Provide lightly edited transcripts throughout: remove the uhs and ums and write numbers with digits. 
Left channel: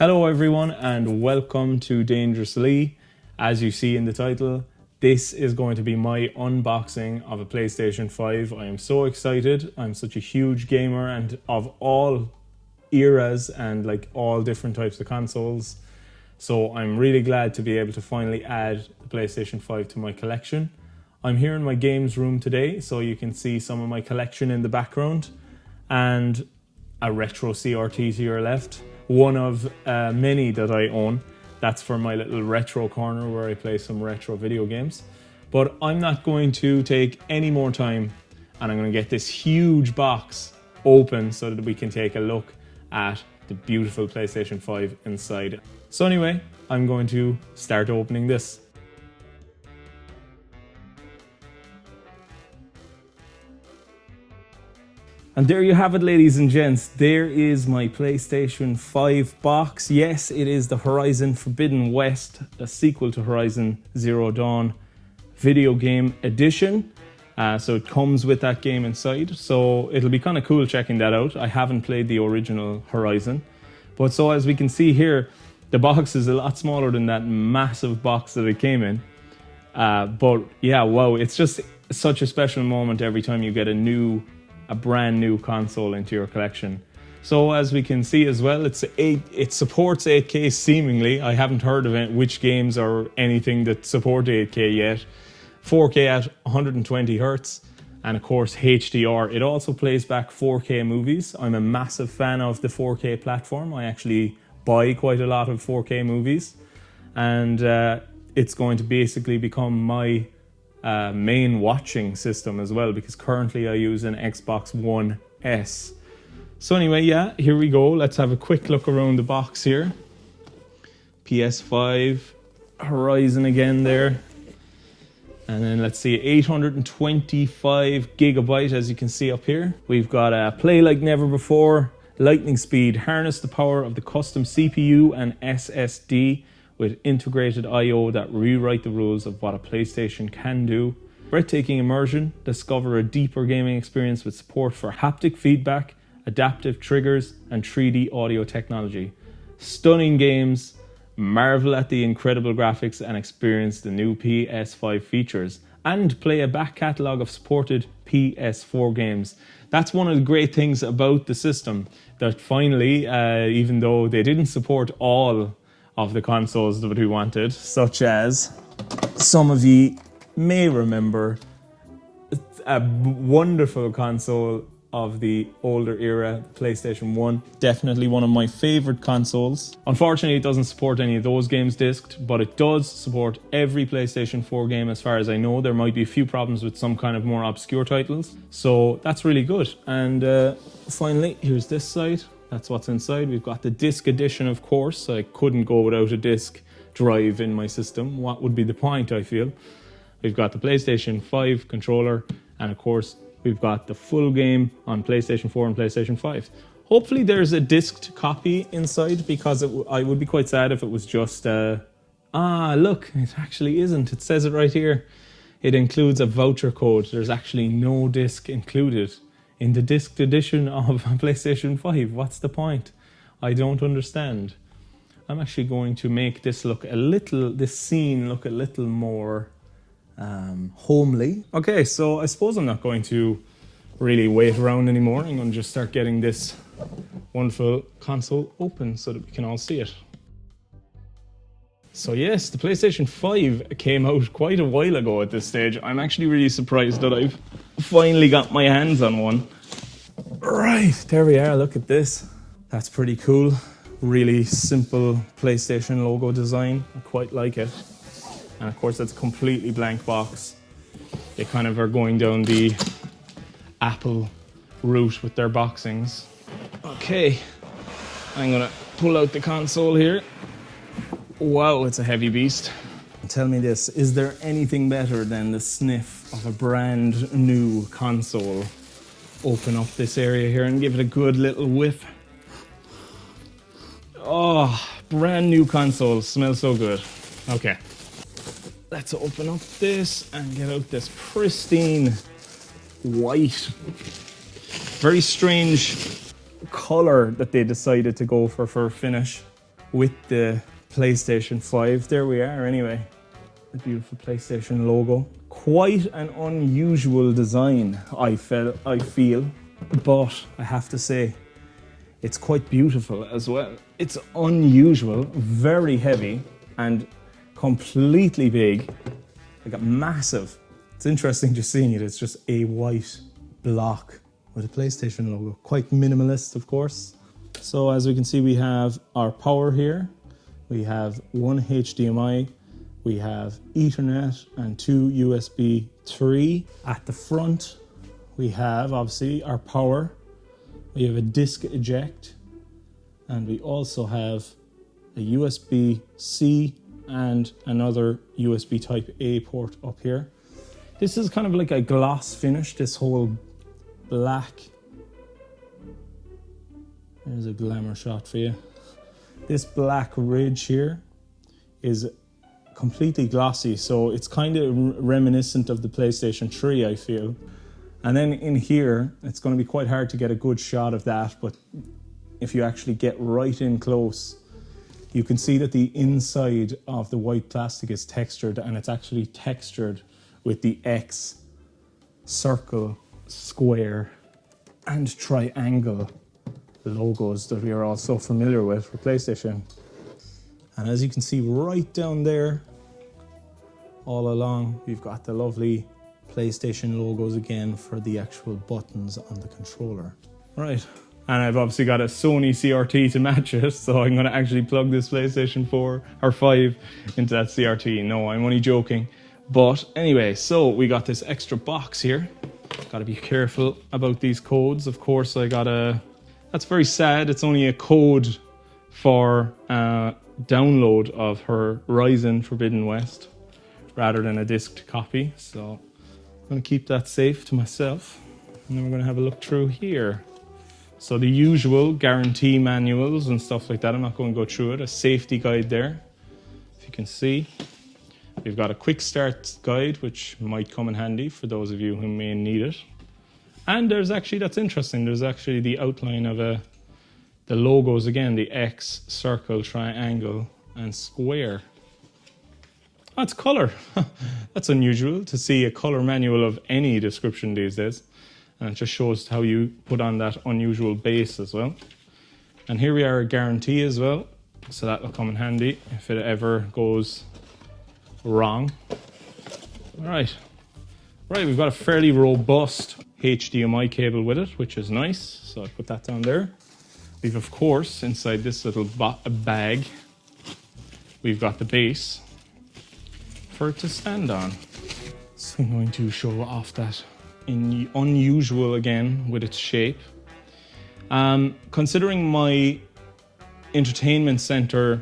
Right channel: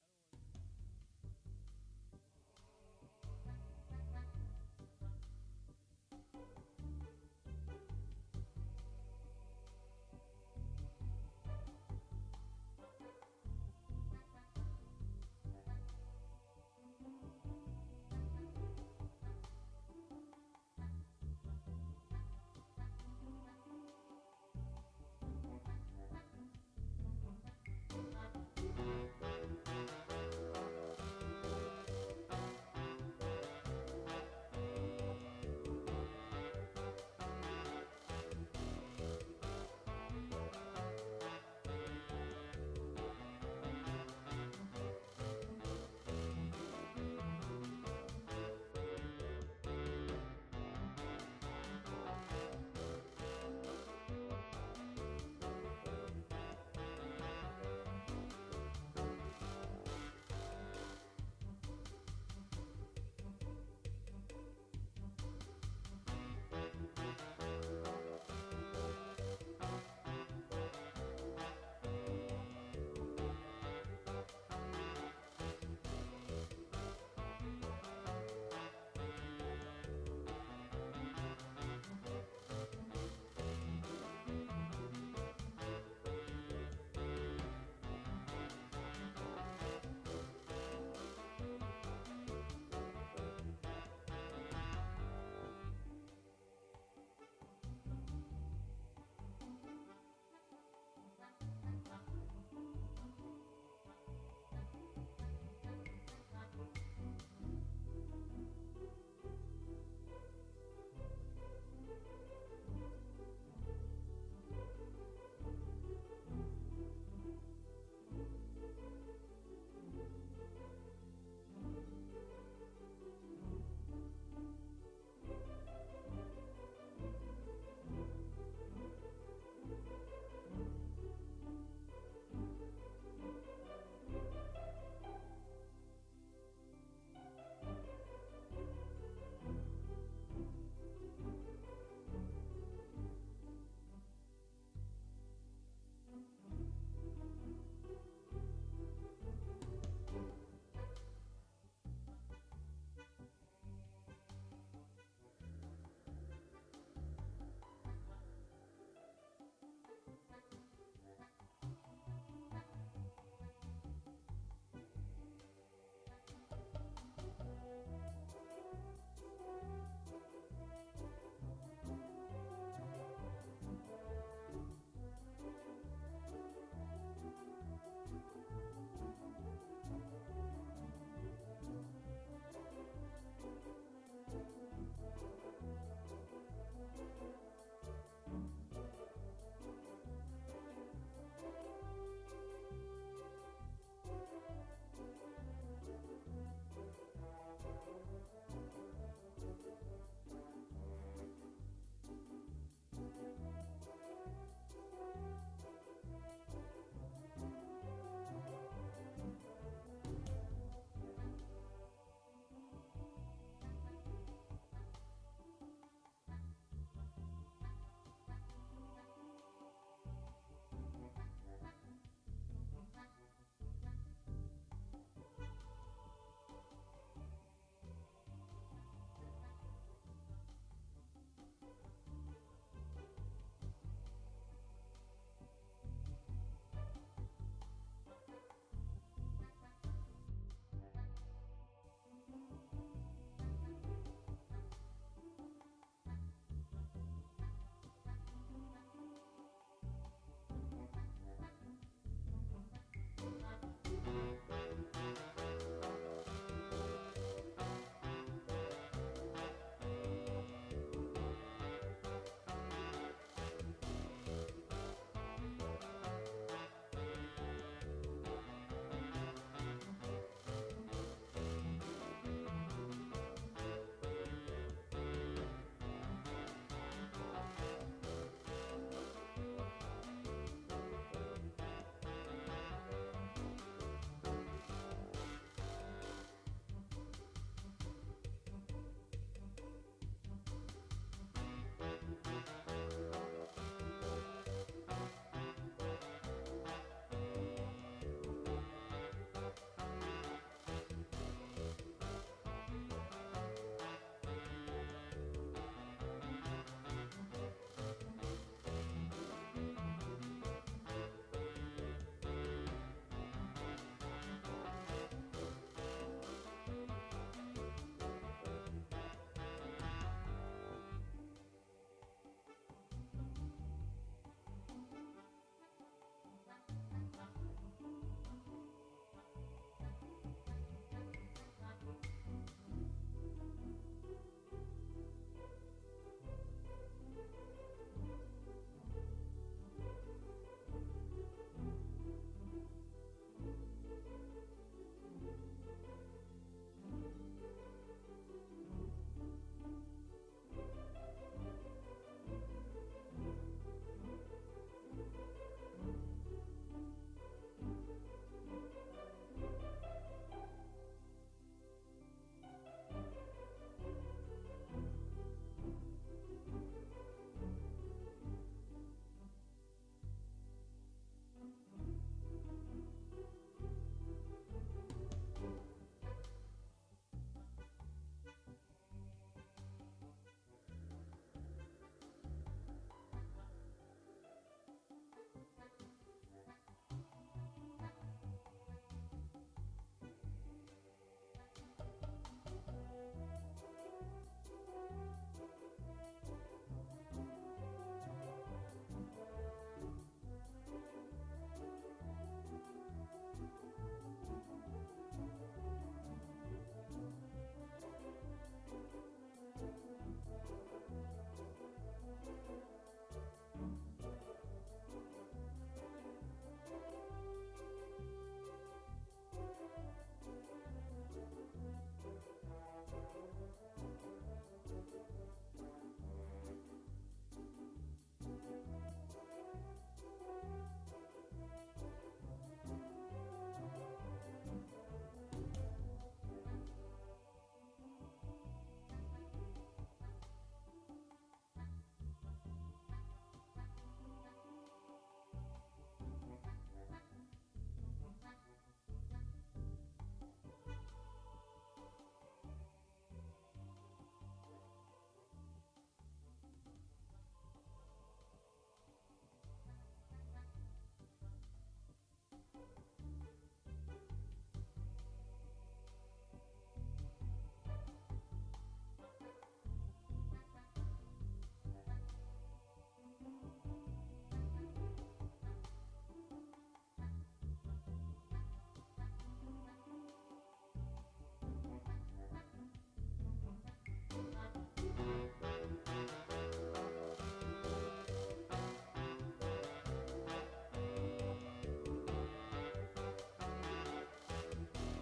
Hello everyone and welcome to Dangerously. As you see in the title, this is going to be my unboxing of a PlayStation 5. I am so excited. I'm such a huge gamer and of all eras and like all different types of consoles. So I'm really glad to be able to finally add the PlayStation 5 to my collection. I'm here in my games room today, so you can see some of my collection in the background and a retro CRT to your left. One of many that I own. That's for my little retro corner where I play some retro video games. But I'm not going to take any more time and I'm going to get this huge box open so that we can take a look at the beautiful PlayStation 5 inside. So anyway, I'm going to start opening this. And there you have it, ladies and gents. There is my PlayStation 5 box. Yes, it is the Horizon Forbidden West, the sequel to Horizon Zero Dawn video game edition. So it comes with that game inside. So it'll be kind of cool checking that out. I haven't played the original Horizon. But so as we can see here, the box is a lot smaller than that massive box that it came in. But yeah, wow, it's just such a special moment every time you get a brand new console into your collection. So as we can see as well, it supports 8K seemingly. I haven't heard of which games or anything that support 8K yet. 4K at 120 Hertz, and of course HDR. It also plays back 4K movies. I'm a massive fan of the 4K platform. I actually buy quite a lot of 4K movies, and it's going to basically become my main watching system as well, because currently I use an Xbox One S. So anyway, yeah, here we go. Let's have a quick look around the box here. PS5, Horizon again there. And then let's see, 825 gigabyte, as you can see up here. We've got a play like never before, lightning speed, harness the power of the custom CPU and SSD with integrated I/O that rewrite the rules of what a PlayStation can do. Breathtaking immersion, discover a deeper gaming experience with support for haptic feedback, adaptive triggers, and 3D audio technology. Stunning games, marvel at the incredible graphics and experience the new PS5 features, and play a back catalogue of supported PS4 games. That's one of the great things about the system, that finally, even though they didn't support all of the consoles that we wanted, such as some of you may remember a wonderful console of the older era, PlayStation 1. Definitely one of my favorite consoles. Unfortunately, it doesn't support any of those games disced, but it does support every PlayStation 4 game as far as I know. There might be a few problems with some kind of more obscure titles, so that's really good. And finally, here's this side. That's what's inside. We've got the disc edition, of course. I couldn't go without a disc drive in my system. What would be the point, I feel? We've got the PlayStation 5 controller, and of course, we've got the full game on PlayStation 4 and PlayStation 5. Hopefully there's a disced copy inside, because I would be quite sad if it was just... look, it actually isn't. It says it right here. It includes a voucher code. There's actually no disc included in the disc edition of PlayStation 5. What's the point? I don't understand. I'm actually going to make this scene look a little more homely. Okay, so I suppose I'm not going to really wait around anymore. I'm going to just start getting this wonderful console open so that we can all see it. So yes, the PlayStation 5 came out quite a while ago at this stage. I'm actually really surprised that I've finally got my hands on one. Right, there we are. Look at this. That's pretty cool. Really simple PlayStation logo design. I quite like it. And of course, it's a completely blank box. They kind of are going down the Apple route with their boxings. Okay, I'm gonna pull out the console here. Wow, it's a heavy beast. Tell me this, is there anything better than the sniff of a brand new console? Open up this area here and give it a good little whiff. Oh, brand new console, smells so good. Okay. Let's open up this and get out this pristine white, very strange color that they decided to go for finish. with the PlayStation 5. There we are anyway. The beautiful PlayStation logo. Quite an unusual design, I feel, but I have to say, it's quite beautiful as well. It's unusual, very heavy, and completely big, like massive. It's interesting just seeing it. It's just a white block with a PlayStation logo. Quite minimalist, of course. So as we can see, we have our power here. We have one HDMI. We have Ethernet and two USB 3. At the front, we have obviously our power. We have a disc eject, and we also have a USB-C and another USB type A port up here. This is kind of like a gloss finish, this whole black. There's a glamour shot for you. This black ridge here is completely glossy, so it's kind of reminiscent of the PlayStation 3, I feel. And then in here, it's going to be quite hard to get a good shot of that, but if you actually get right in close, you can see that the inside of the white plastic is textured, and it's actually textured with the X, circle, square, and triangle logos that we are all so familiar with for PlayStation. And as you can see right down there, all along, we've got the lovely PlayStation logos again for the actual buttons on the controller. Right, and I've obviously got a Sony CRT to match it, so I'm going to actually plug this PlayStation 4 or 5 into that CRT. No, I'm only joking. But anyway, so we got this extra box here. Got to be careful about these codes. Of course, I got a... That's very sad. It's only a code for download of Horizon Forbidden West rather than a disc copy. So I'm going to keep that safe to myself. And then we're going to have a look through here. So the usual guarantee manuals and stuff like that. I'm not going to go through it. A safety guide there, if you can see. We've got a quick start guide, which might come in handy for those of you who may need it. And there's actually, that's interesting, there's actually the outline of the logos again, the X, circle, triangle, and square. That's color. That's unusual to see a color manual of any description these days. And it just shows how you put on that unusual base as well. And here we are, a guarantee as well. So that will come in handy if it ever goes wrong. All right. Right, we've got a fairly robust HDMI cable with it, which is nice. So I put that down there. We've, of course, inside this little bag, we've got the base for it to stand on. So I'm going to show off that unusual again with its shape. Considering my entertainment center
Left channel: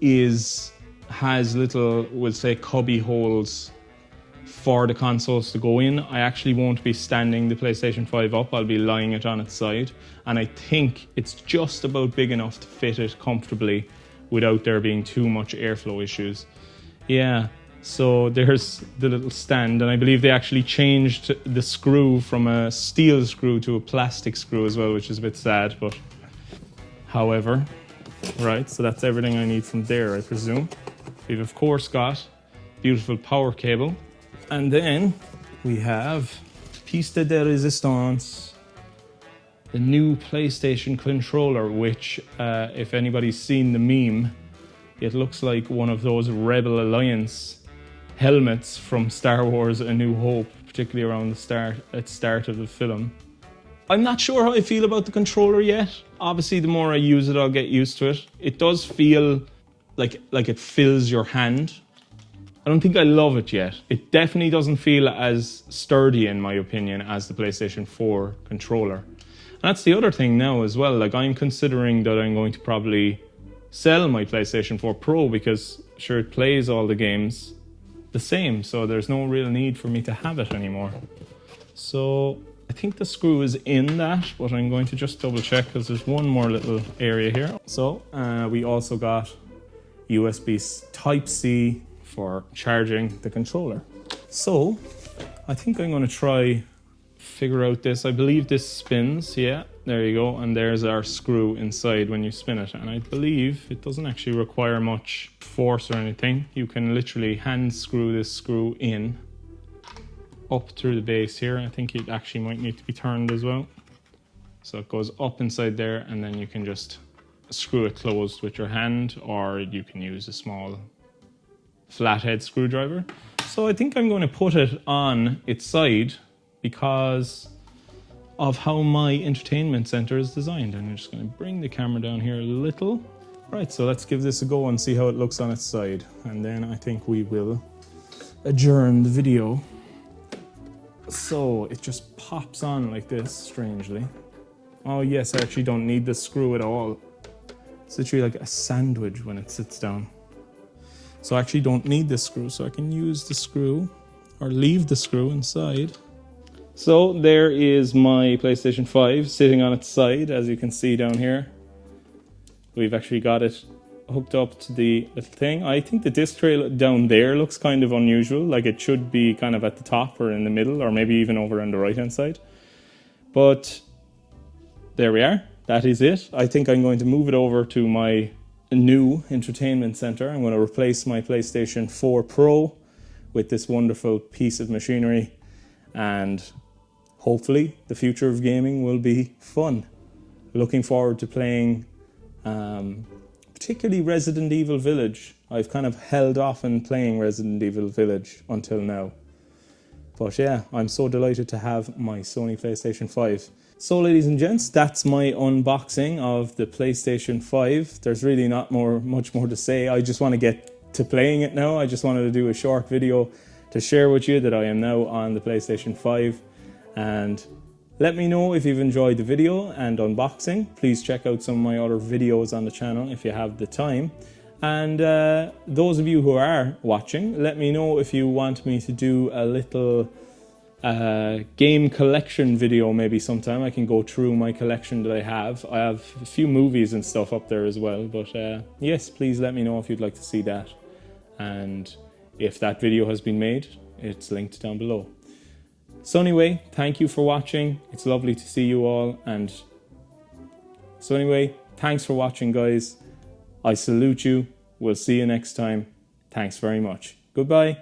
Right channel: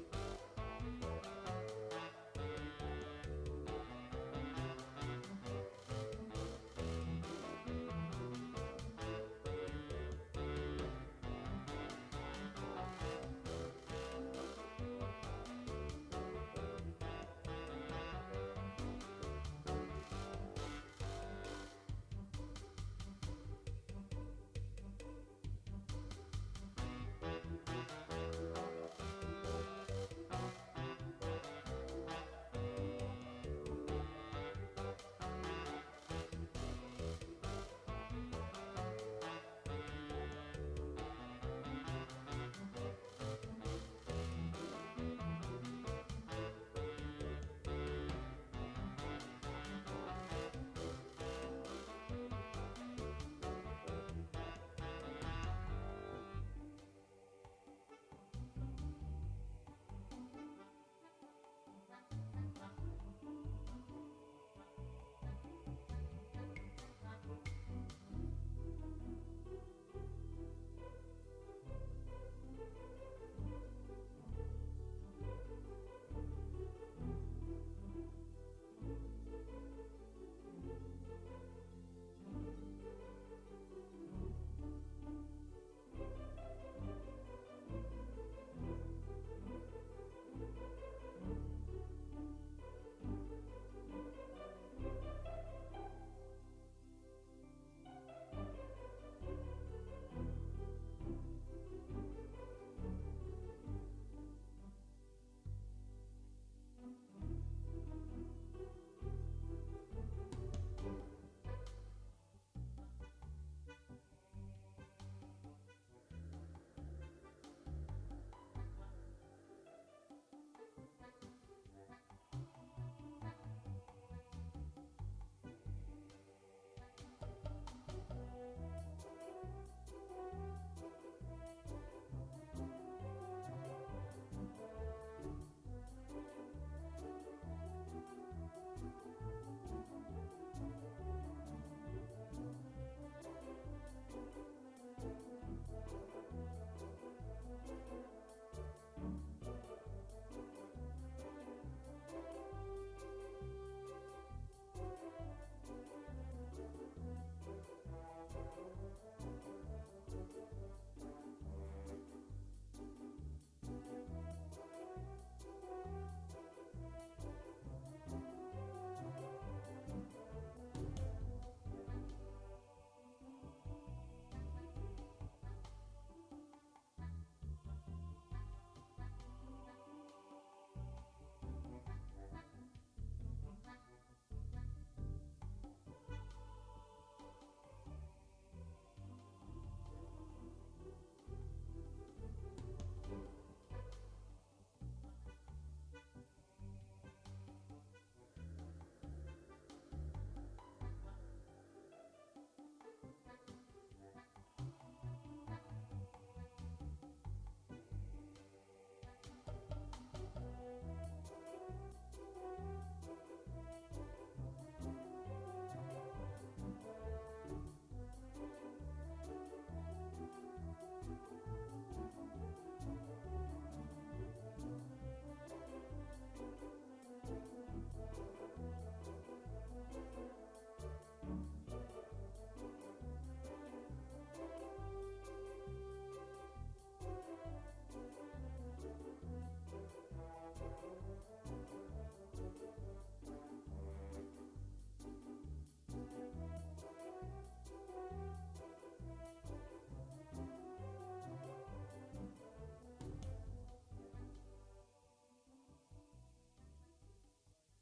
has little, we'll say, cubby holes for the consoles to go in, I actually won't be standing the PlayStation 5 up. I'll be lying it on its side, and I think it's just about big enough to fit it comfortably without there being too much airflow issues. Yeah, so there's the little stand, and I believe they actually changed the screw from a steel screw to a plastic screw as well, which is a bit sad, but however, right, so that's everything I need from there, I presume. We've of course got beautiful power cable, and then we have piece de resistance, the new PlayStation controller, which if anybody's seen the meme, it looks like one of those Rebel Alliance helmets from Star Wars A New Hope, particularly around the start of the film. I'm not sure how I feel about the controller yet. Obviously, the more I use it, I'll get used to it. It does feel like it fills your hand. I don't think I love it yet. It definitely doesn't feel as sturdy, in my opinion, as the PlayStation 4 controller. And that's the other thing now as well. Like, I'm considering that I'm going to probably sell my PlayStation 4 Pro because, sure, it plays all the games the same, so there's no real need for me to have it anymore. So I think the screw is in that, but I'm going to just double check because there's one more little area here. So we also got USB Type-C for charging the controller. So I think I'm going to try figure out this. I believe this spins, yeah. There you go, and there's our screw inside when you spin it. And I believe it doesn't actually require much force or anything. You can literally hand screw this screw in up through the base here. I think it actually might need to be turned as well. So it goes up inside there, and then you can just screw it closed with your hand, or you can use a small flathead screwdriver. So I think I'm going to put it on its side because of how my entertainment center is designed. And I'm just going to bring the camera down here a little. Right, so let's give this a go and see how it looks on its side. And then I think we will adjourn the video. So it just pops on like this, strangely. Oh yes, I actually don't need the screw at all. It's literally like a sandwich when it sits down. So I actually don't need this screw, so I can use the screw or leave the screw inside. So there is my PlayStation 5 sitting on its side, as you can see down here. We've actually got it hooked up to the little thing. I think the disc tray down there looks kind of unusual, like it should be kind of at the top or in the middle, or maybe even over on the right hand side. But there we are, that is it. I think I'm going to move it over to my new entertainment center. I'm going to replace my PlayStation 4 Pro with this wonderful piece of machinery, and hopefully the future of gaming will be fun. Looking forward to playing particularly Resident Evil Village. I've kind of held off on playing Resident Evil Village until now. But yeah, I'm so delighted to have my Sony PlayStation 5. So ladies and gents, that's my unboxing of the PlayStation 5. There's really not much more to say. I just want to get to playing it now. I just wanted to do a short video to share with you that I am now on the PlayStation 5. And let me know if you've enjoyed the video and unboxing. Please check out some of my other videos on the channel if you have the time. And those of you who are watching, let me know if you want me to do a little game collection video maybe sometime. I can go through my collection that I have. I have a few movies and stuff up there as well. But yes, please let me know if you'd like to see that. And if that video has been made, it's linked down below. So anyway, thank you for watching. It's lovely to see you all. And so anyway, thanks for watching, guys. I salute you. We'll see you next time. Thanks very much. Goodbye.